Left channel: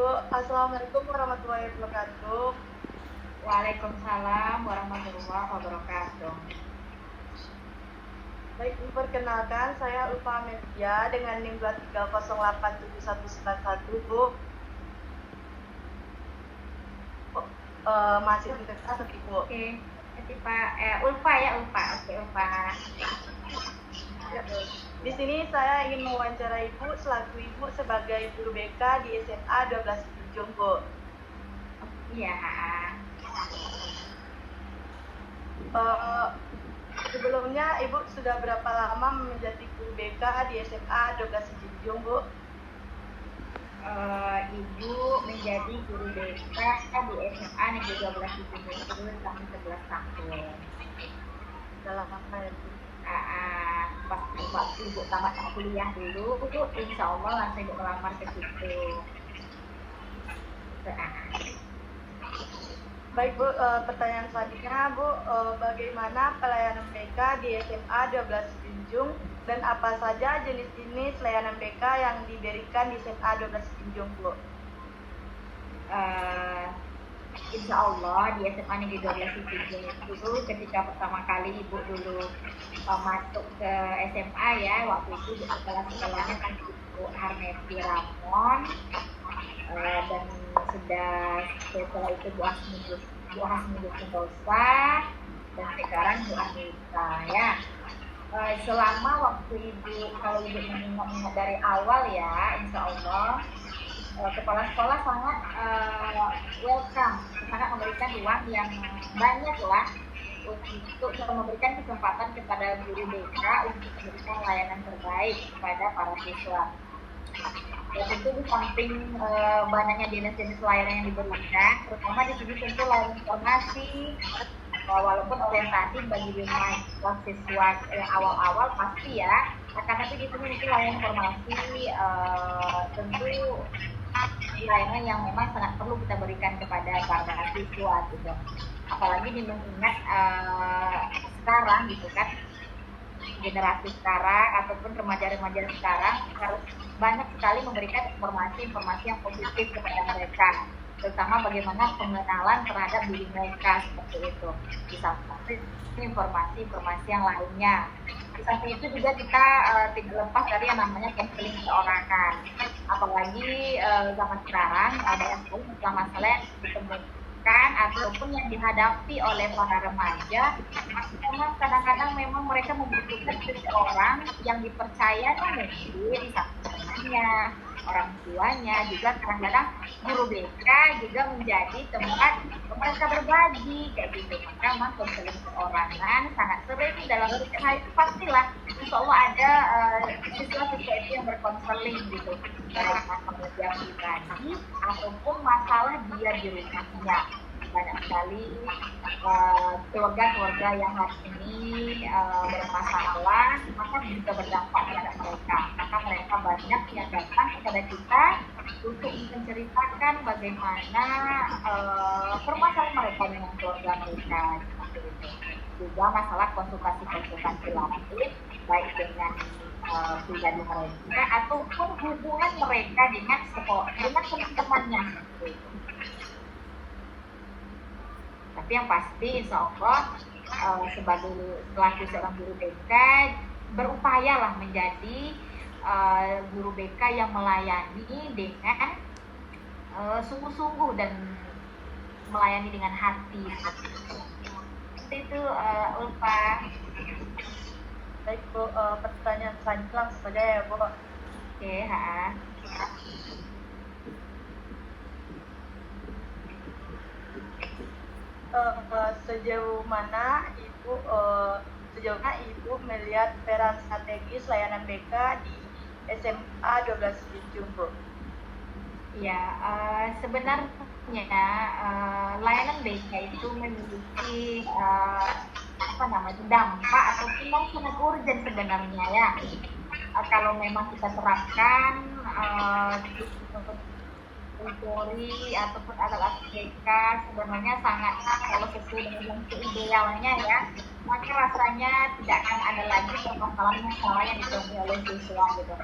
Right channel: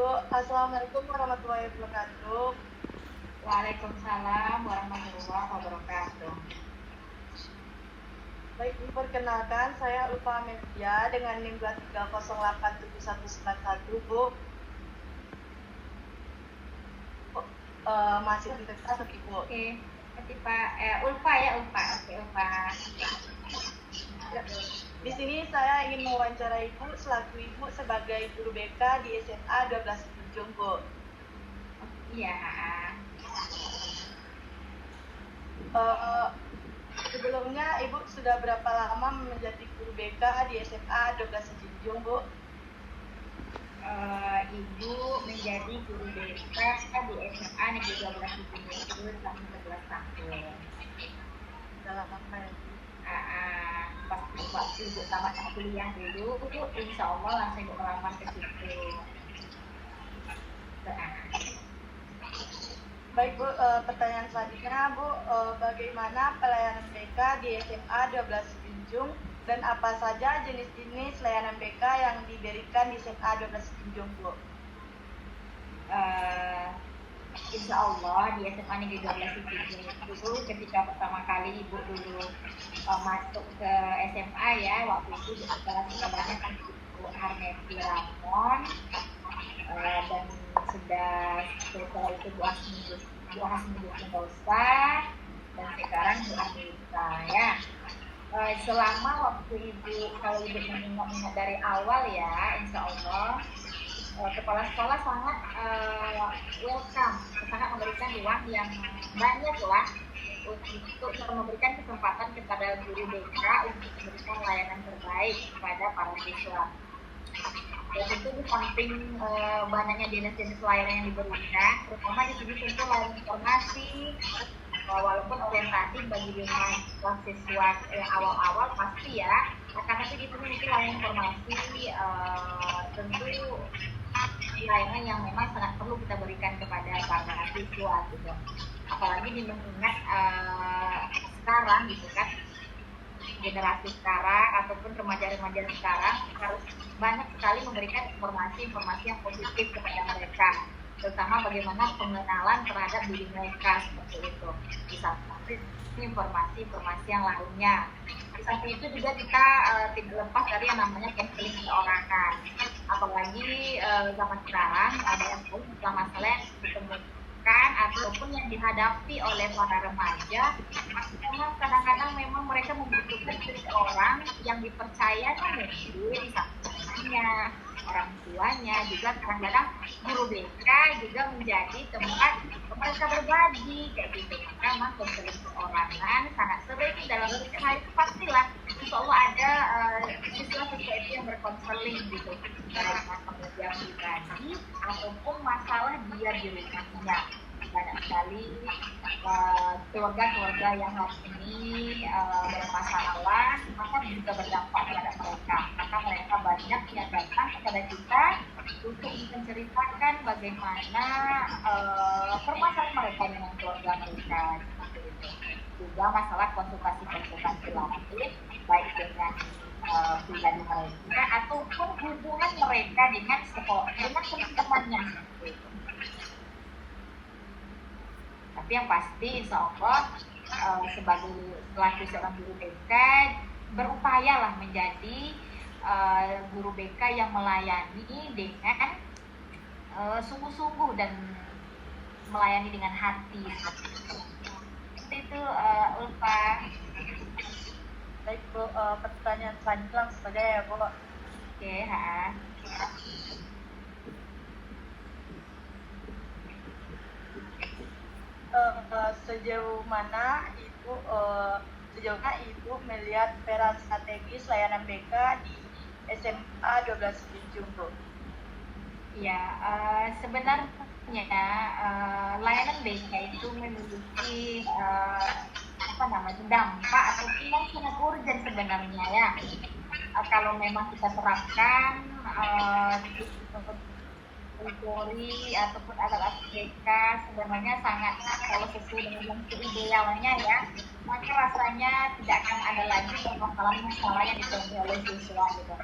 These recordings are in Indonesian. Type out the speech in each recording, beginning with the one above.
Ibu. Assalamualaikum warahmatullahi wabarakatuh. Waalaikumsalam warahmatullahi wabarakatuh. Baik, Ibu, perkenalkan saya Ulfa Media dengan NIM 23087191, Bu. Masih di kelas, Ibu. Oke, Ulfa ya, Ulfa. Oke, Ulfa. Ya. Di sini saya ingin mewawancarai Ibu selaku Ibu sebagai guru BK di SMA 12 Ujung, Bu. Iya. Sebelumnya Ibu sudah berapa lama menjadi guru BK di SMA 12 Ujung, Bu? Ibu menjadi guru BK di SMA Negeri 12 Ujung itu selama 11 tahun. Dalam apa ya, Bu? Waktu Ibu tamat kuliah dulu, insya Allah langsung Ibu melamar ke situ. Baik, Bu, pertanyaan selanjutnya, Bu, bagaimana pelayanan BK di SMA 12 Junjung dan apa saja jenis-jenis layanan BK yang diberikan di SMA 12 Junjung, Bu? Insya Allah di SMA Negeri 12 Junjung itu ketika pertama kali Ibu dulu masuk ke SMA ya, waktu itu sekolahnya kan Ibu Harneti Ramon, dan setelah itu Bu Hasmudus Sentosa, dan sekarang Bu Anita ya. Selama waktu kalau Ibu mengingat dari awal ya, insya Allah kepala sekolah sangat welcome, sangat memberikan ruang yang banyak lah untuk memberikan kesempatan kepada guru BK untuk memberikan layanan terbaik kepada para siswa. Ya, tentu di samping banyaknya jenis-jenis layanan yang diberikan, terutama di sini tentu layanan informasi, walaupun orientasi bagi siswa awal-awal pasti ya, karena itu di sini itu layanan informasi tentu layanan yang memang sangat perlu kita berikan kepada para siswa gitu. Apalagi mengingat sekarang gitu kan, generasi sekarang ataupun remaja-remaja sekarang harus banyak sekali memberikan informasi-informasi yang positif kepada mereka, terutama bagaimana pengenalan terhadap diri mereka seperti itu. Di samping informasi-informasi yang lainnya, di samping itu juga kita tidak lepas dari yang namanya konseling perorangan. Apalagi zaman sekarang ada yang masalah yang ditemukan ataupun yang dihadapi oleh para remaja, memang kadang-kadang memang mereka membutuhkan seseorang yang dipercaya mungkin temannya, orang tuanya, juga kadang-kadang guru BK juga menjadi tempat mereka berbagi kayak gitu. Maka memang konseling perorangan sangat sering dalam usaha itu pastilah insya Allah ada siswa-siswa itu yang berkonseling gitu, baik masalah dia pribadi ataupun masalah dia di rumahnya. Banyak sekali keluarga-keluarga yang hari ini bermasalah, maka bisa berdampak terhadap mereka. Maka mereka banyak yang datang kepada kita untuk menceritakan bagaimana permasalahan mereka dengan keluarga mereka seperti itu. Juga masalah konsultasi-konsultasi lain, baik dengan pribadi mereka ataupun hubungan mereka dengan sekolah, dengan teman-temannya seperti itu. Tapi yang pasti insya Allah sebagai selaku seorang guru BK berupayalah menjadi guru BK yang melayani dengan sungguh-sungguh dan melayani dengan hati. Seperti itu Ulfa. Baik, Bu, pertanyaan selanjutnya langsung saja ya, Bu. Oke, Sejauh mana Ibu melihat peran strategis layanan BK di SMA 12 Ujung, Bu? Ya, sebenarnya layanan BK itu memiliki dampak ataupun yang sangat urgent sebenarnya ya. Kalau memang kita terapkan Polri ataupun alat-alat BK sebenarnya sangat, kalau sesuai dengan yang idealnya ya, maka rasanya tidak akan ada lagi permasalahan-masalah yang ditemui oleh siswa gitu.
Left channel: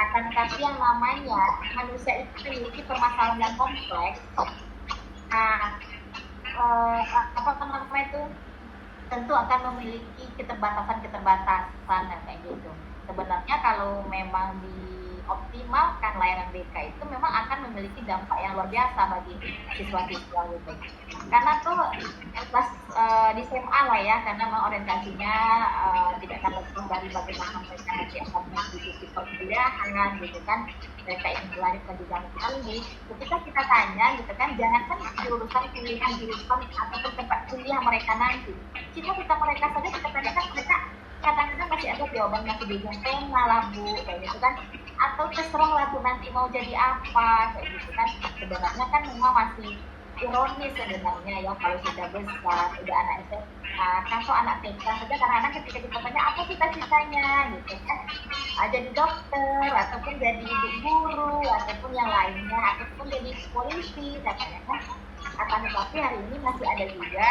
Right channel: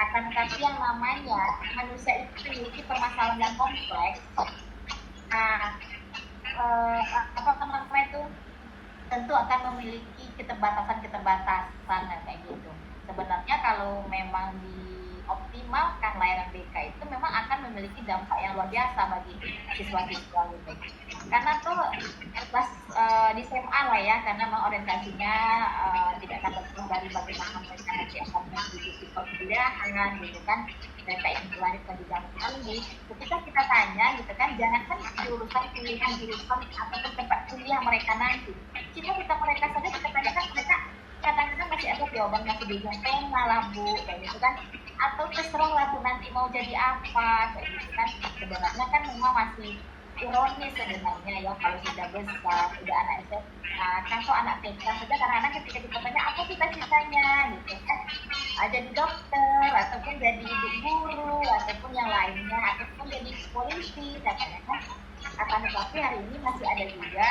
Akan tetapi yang namanya manusia itu memiliki permasalahan yang kompleks. Nah, apa namanya itu tentu akan memiliki keterbatasan kayak gitu. Sebenarnya kalau memang dioptimalkan layanan BK itu memang akan memiliki dampak yang luar biasa bagi siswa-siswa gitu. Karena tuh pas di SMA lah ya, karena memang orientasinya tidak akan lepas dari bagaimana mereka nanti akan mengikuti perkuliahan gitu kan, mereka ingin berlanjut ke jenjang tinggi. Ketika kita tanya gitu kan, jangankan jurusan pilihan jurusan ataupun tempat kuliah mereka nanti, kita mereka saja kita tanyakan, mereka kadang-kadang masih ada jawaban masih di tengah lah bu, kayak gitu kan, atau terserah lah bu nanti mau jadi apa kayak gitu kan. Sebenarnya kan memang masih ironis sebenarnya ya, kalau sudah besar, sudah anak SMA, atau anak TK saja kadang-kadang ketika ditanya apa cita-citanya gitu kan, jadi dokter ataupun jadi ibu guru ataupun yang lainnya ataupun jadi polisi katanya kan. Akan tetapi hari ini masih ada juga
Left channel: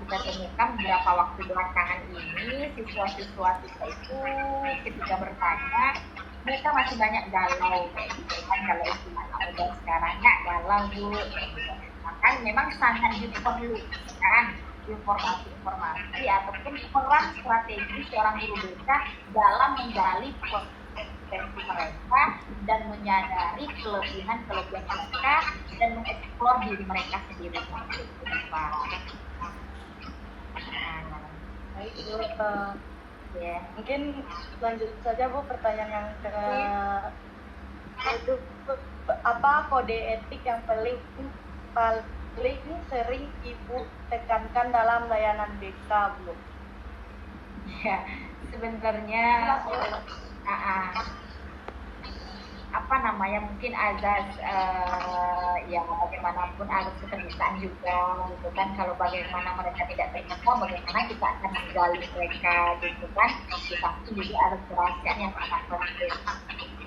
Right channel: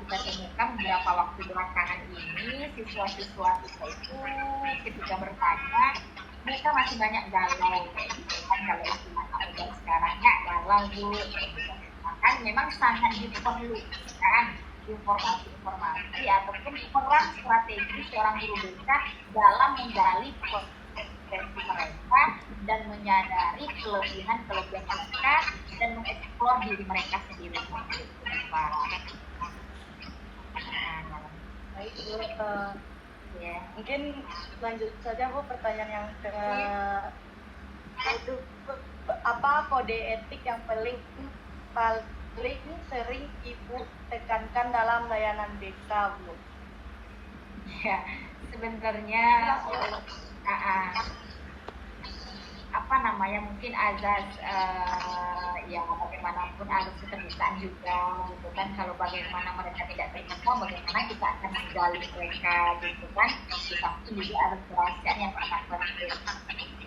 kita temukan beberapa waktu belakangan ini siswa-siswa kita itu ketika bertanya mereka masih banyak galau kayak gitu kan, kalau istilah udah sekarang nggak galau bu kayak gitu. Maka memang sangat diperlukan informasi-informasi ataupun peran strategi seorang guru BK dalam menggali potensi mereka dan menyadari kelebihan mereka dan mengeksplor diri mereka sendiri. Baik Bu, ya mungkin lanjut saja Bu pertanyaan itu apa kode etik yang paling sering Ibu tekankan dalam layanan BK Bu? Ya sebenarnya apa namanya mungkin azas ya bagaimanapun harus keterbukaan juga gitu kan. Kalau bagaimana mereka tidak terbuka, bagaimana kita akan menggali mereka gitu kan. Di samping juga ada kerahasiaan yang sangat penting.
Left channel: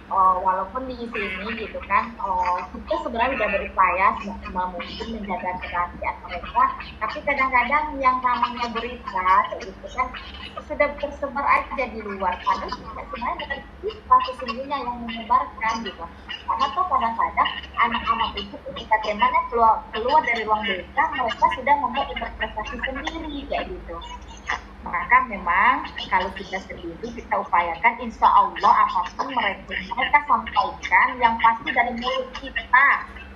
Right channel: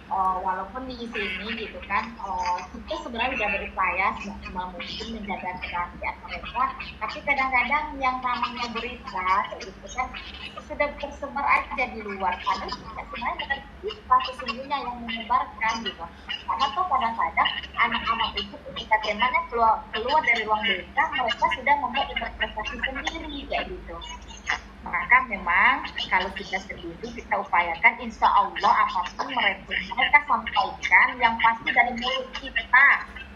Walaupun di sini gitu kan kita sebenarnya sudah berupaya semaksimal mungkin menjaga kerahasiaan mereka, tapi kadang-kadang yang namanya berita gitu kan sudah tersebar aja di luar, karena sebenarnya dengan kita sesungguhnya yang menyebarkan gitu. Karena tuh kadang-kadang anak-anak itu ketika temanya keluar dari ruang desa, mereka sudah membuat interpretasi sendiri kayak gitu. Maka memang kalau kita sendiri kita upayakan insya Allah apapun mereka sampaikan yang pasti dari mulut kita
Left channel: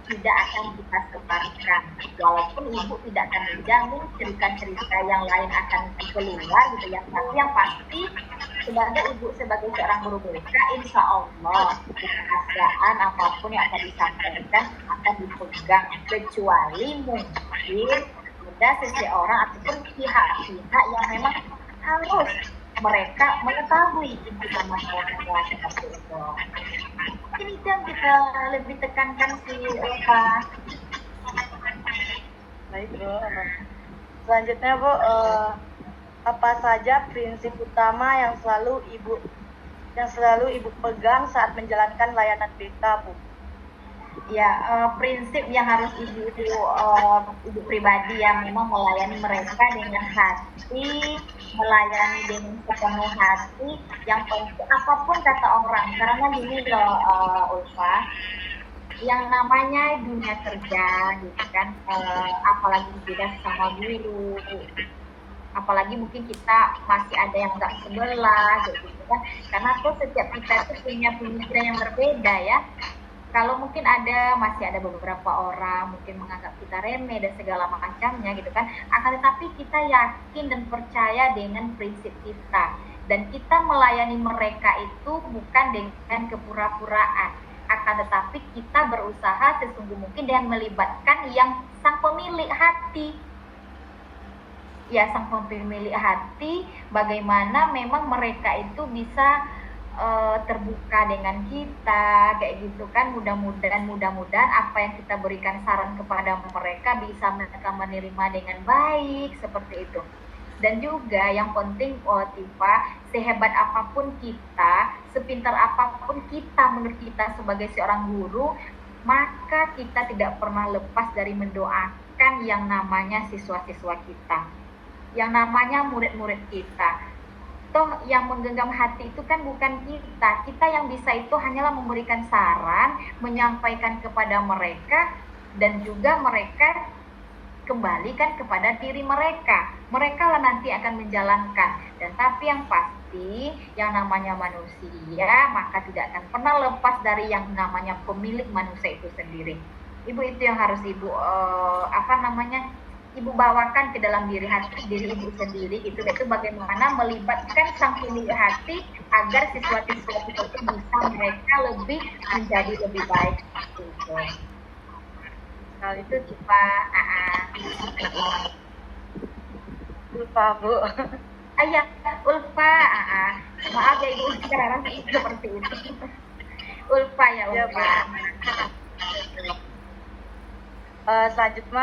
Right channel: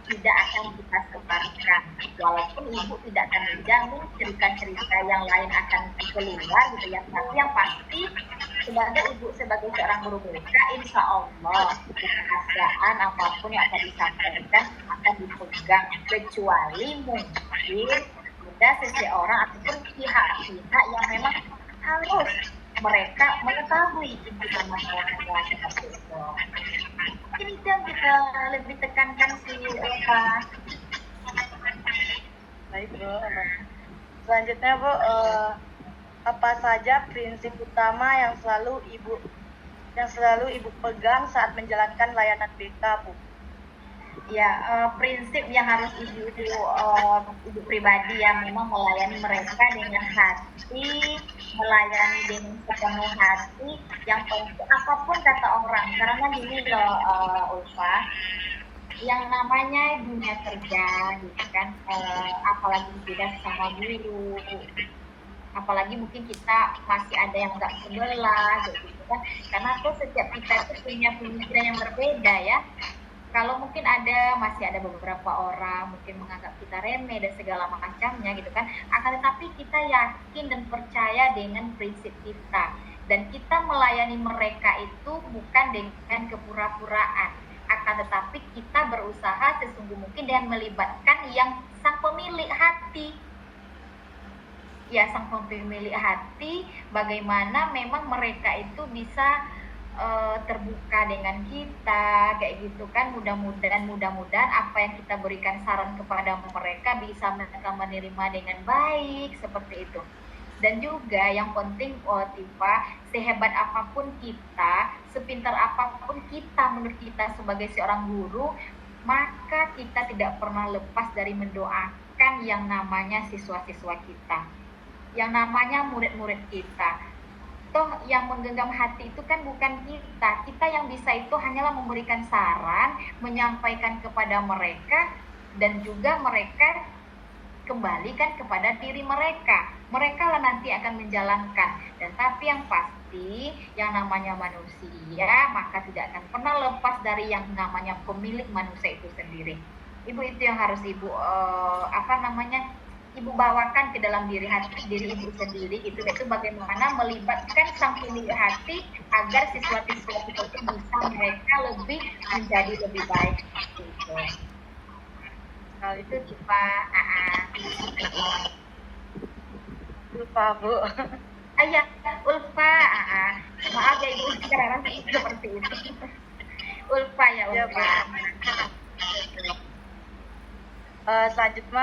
tidak akan kita sebarkan, walaupun ibu tidak akan menjamin cerita-cerita yang lain akan keluar gitu ya, tapi yang pasti sebagai ibu, sebagai seorang guru BK, insya Allah kerahasiaan apapun yang akan disampaikan akan dipegang, kecuali mungkin ada seseorang ataupun pihak-pihak yang memang harus mereka mengetahui intinya masalahnya seperti itu. Ini kan kita lebih tekankan si Eva. Baik Bu. Selanjutnya Bu, apa saja prinsip utama yang selalu Ibu pegang saat menjalankan layanan BK Bu? Ya, prinsip yang harus ibu pribadi yang memang melayani mereka dengan hati, melayani dengan sepenuh hati, yang penting apapun kata orang, karena gini loh Ulfa, yang namanya dunia kerja gitu kan, apalagi kita sama guru, apalagi mungkin kita masih ada yang nggak sebelah gitu kan, karena tuh setiap kita itu punya pemikiran yang berbeda ya. Kalau mungkin masih ada beberapa orang mungkin menganggap kita remeh dan segala macamnya gitu kan, akan tetapi kita yakin dan percaya dengan prinsip kita, dan kita melayani mereka itu bukan dengan kepura-puraan, akan tetapi kita berusaha sesungguh mungkin dengan melibatkan yang sang pemilik hati. Ya, sang pemilik hati, bagaimana memang mereka itu bisa terbuka dengan kita kayak gitu kan. Mudah-mudahan apa yang kita berikan saran kepada mereka bisa mereka menerima dengan baik seperti itu. Dan juga yang penting Tifa, sehebat apapun kita, sepintar apapun kita menurut kita sebagai seorang guru, maka kita tidak pernah lepas dari mendoakan yang namanya siswa-siswa kita, yang namanya murid-murid kita. Toh yang menggenggam hati itu kan bukan kita. Kita yang bisa itu hanyalah memberikan saran, menyampaikan kepada mereka, dan juga mereka kembalikan kepada diri mereka. Mereka lah nanti akan menjalankan. Dan tapi yang pasti, yang namanya manusia, maka tidak akan pernah lepas dari yang namanya pemilik manusia itu sendiri. Ibu, itu yang harus ibu ibu bawakan ke dalam diri ibu sendiri, itu bagaimana melibatkan sang pemilik hati agar siswa-siswa itu bisa mereka menjadi lebih baik. Gitu. Kalau itu Cipa, Lupa, Bu. Ayah, Ulfa, maaf ya ibu sekarang seperti itu. Ulfa ya Ulfa. Selanjutnya